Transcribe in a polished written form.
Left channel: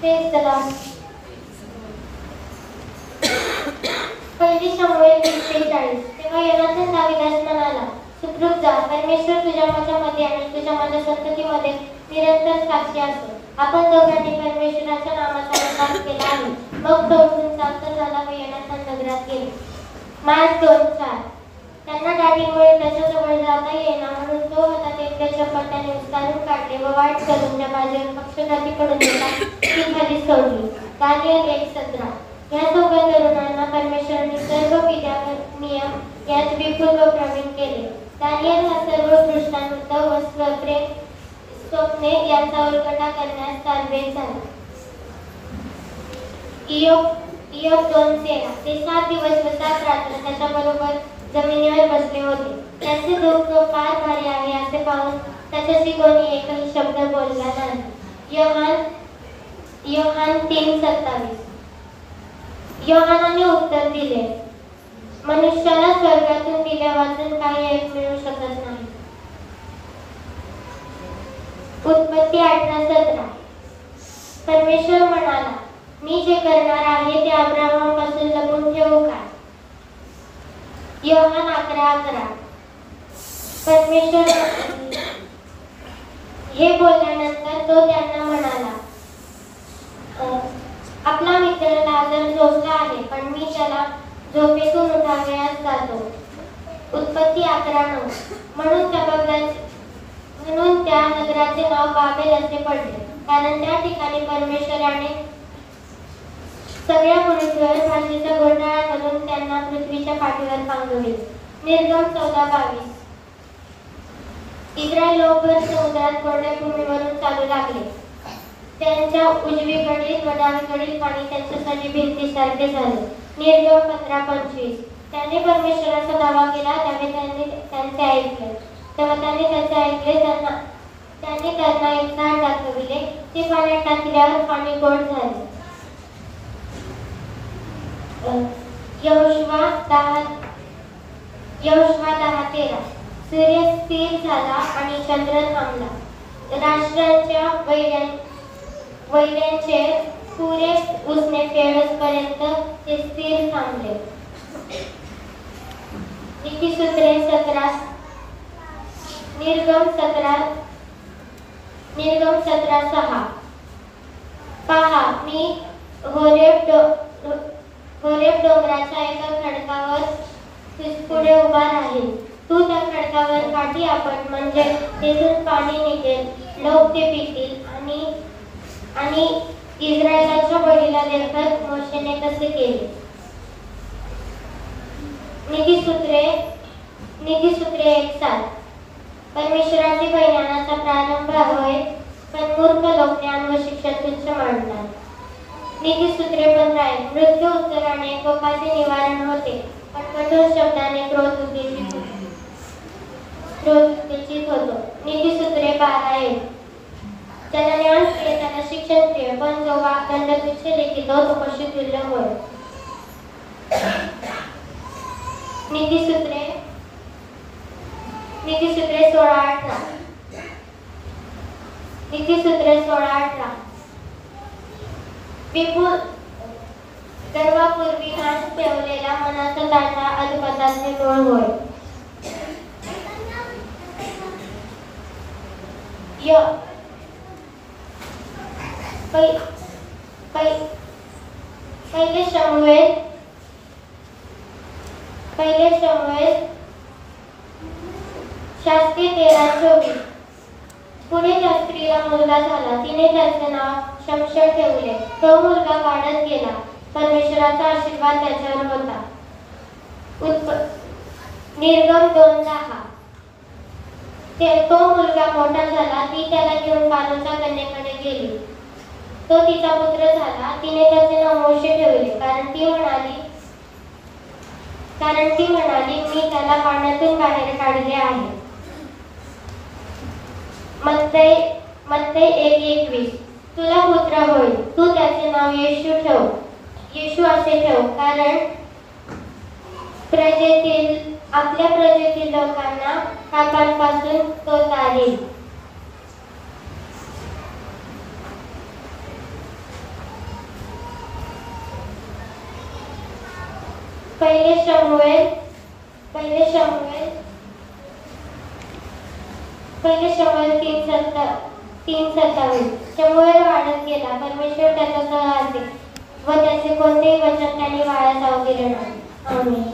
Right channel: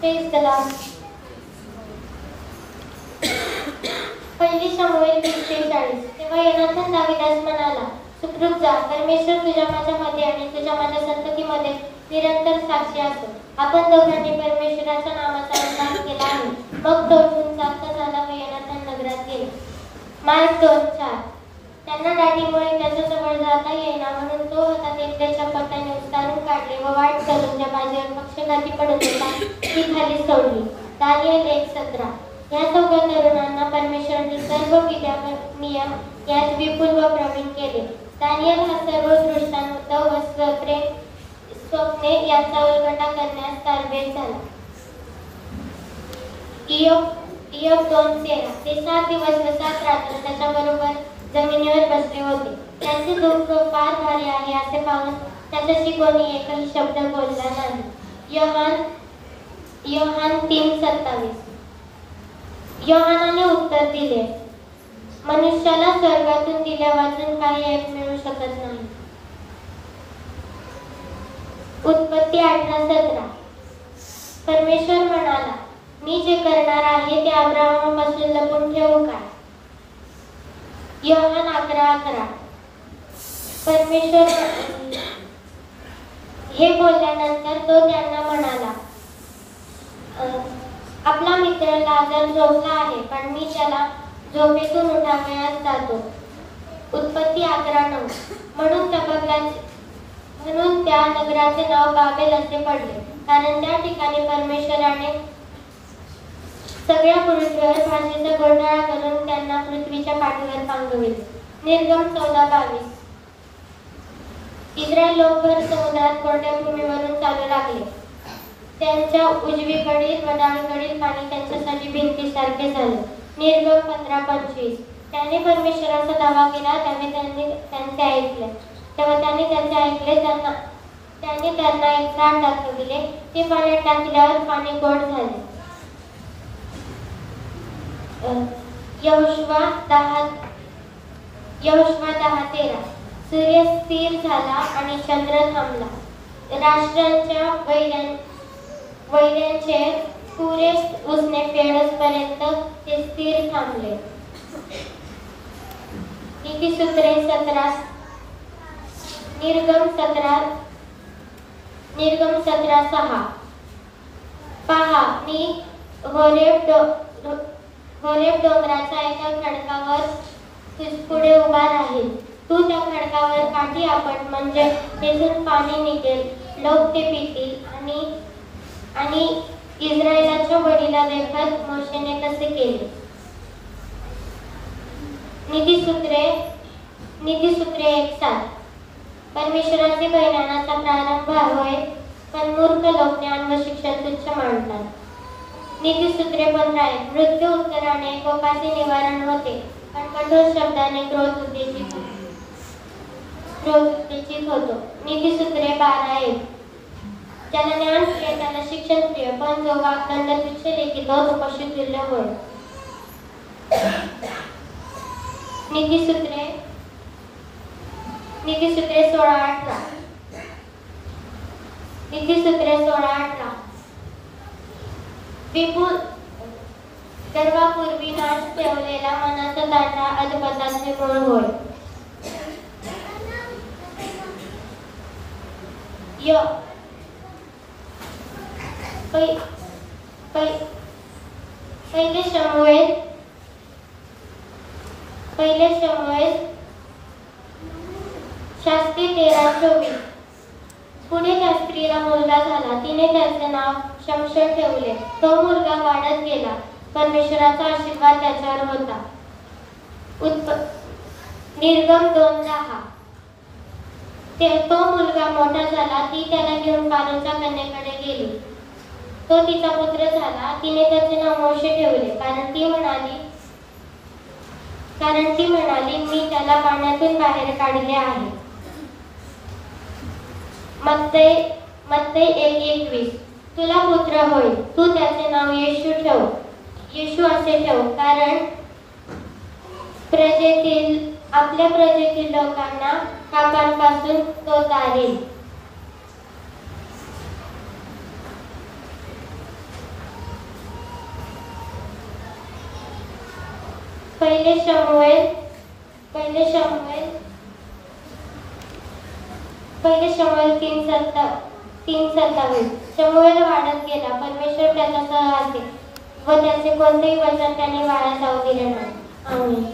Praise the Lord. पहिली शमूएल 20:40. तेव्हा योनाथन दाविदास म्हणाला, सुखरूप जा, परमेश्वर तुझ्या माझ्यामध्ये आणि तुझ्या माझ्या संततीमध्ये निरंतर साक्षी असो. आपण दोघांनी परमेश्वराच्या नामाचा उल्लेख केला आहे. मग तो उठून जास्त झाला व योनाथन नगरात गेले. मार्क 2:4. त्यांना दाढीमुळे त्याच्याजवळ जाता येईना म्हणून तो हातात एक चप्पल त्याने उचलून काढले व वाट चालून ज्या बाजूवर पक्षघाती पडून होता ती खाली सोडली. दानिएल 1:17. या चौघा तरुणांना परमेश्वराने सर्व नियम यात विपुल व प्रवीण केले. दानिएल हा सर्व दृष्टांत व स्वप्ने यांचा उलगडा करण्यास तालवेल झाला. इयोब 2:13. ते 7 दिवस व 7 रात्र त्याच्याबरोबर जमिनीवर बसले होते. त्याचे दुःख फार भारी आहे असे पाहून त्याच्याशी कोणी एकही शब्द बोलला नाही. योहान 3:27. योहानाने उत्तर दिले, मनुष्याला स्वर्गातून दिले वाचून काही एक मिळू शकत नाही. उत्पत्ती 18:17. परमेश्वर म्हणाला, मी जे करणार आहे ते अब्राहमापासून लपवून ठेवू काय? योहान 11:11. परमेश्वर हे बोलल्यानंतर तो त्यांना म्हणाला, आपला मित्र लाजर झोपला आहे, पण मी त्याला झोपेतून उठावयास जातो. उत्पत्ती 11:9. म्हणून त्या नगराचे नाव बाबेल असे पडले, कारण त्या ठिकाणी परमेश्वराने सगळ्या पृथ्वीवर भाषेचा घोटाळा करून त्यांना पृथ्वीच्या पाठीवर पांगविले. निर्गम 14:22. इस्रायल लोकभर समुद्रात कोरड्या भूमीवरून चालू लागले. त्यांच्या उजवीकडील व डावीकडील पाणी त्यांच्यासाठी भिंतीसारखे झाले. निर्गम 15:25. त्याने परमेश्वराचा दावा केला त्याने त्यांचे ऐकले. तेव्हा त्याने त्याचे ऐकले. त्याने त्यांना एक झाड दाखविले. ते पाण्यात टाकल्यावर पाणी गोड झाले. यहोशुवा 10:13. सूर्य स्थिर झाला आणि चंद्र थांबला. राष्ट्रांच्या वैऱ्यांचे पुरे उसने फेडसपर्यंत ते स्थिर थांबले. नीतिसूत्रे 17. निर्गम 17:6. पहा, मी होरेब डोंगराच्या एका खडकावर पुढे उभा राहील. तू त्या खडकावर काठी आपट, म्हणजे तेथून पाणी निघेल. लोक ते पितील. आणि इस्रायलाच्या वडीला देखत मोशेने तसे केले. नीतिसूत्रे 1:7. परमेश्वराचे बलिदानाचा प्रारंभ होय, पण मूर्ख लोक ज्ञान व शिक्षा तुच्छ मानतात. नीतिसूत्रे 15. मृत्यू उत्तराने कोपाचे निवारण होते, पण कठोर शब्दाने क्रोध उत्तेजित होतो. नीतिसूत्रे 12:1. ज्याला ज्ञान प्रिय त्याला शिक्षण प्रिय, पण जो वाकदंड तुच्छ लेखितो तो पशुतुल्य होय. नीतिसूत्रे 16:18. नीतिसूत्रे 16:18. विपुल गर्वापूर्वी नाश ठेवलेला मनाचा दांडा अधपताचे मूळ होय. पहिले शमूएल 13:24. पुढे त्या स्त्रीला मुलगा झाला. तिने त्याचे नाव शमशेर ठेवले. तो मुलगा वाढत गेला. परमेश्वराचा आशीर्वाद त्याच्यावर होता. निर्गम 2:10. तो मुलगा मोठा झाला. ती त्याला घेऊन पारोच्या कन्येकडे गेली. तो तिचा पुत्र झाला. तिने त्याचे नाव मोशे ठेवले, कारण ती म्हणाली मी त्याला पाण्यातून बाहेर काढले आहे. मत्तई 1:21. तुला पुत्र होईल. तू त्याचे नाव येशू असे ठेव, कारण आपल्या प्रजेतील लोकांना पापांपासून तो तारेल. पहिले शमुएल पहिले शमुएल पहिले शमुएल 3:27. शमुएल वाढत गेला, परमेश्वर त्याच्यासह असे व त्याचे कोणतेही वचन त्याने वाया जाऊ दिले नाही. आमेन.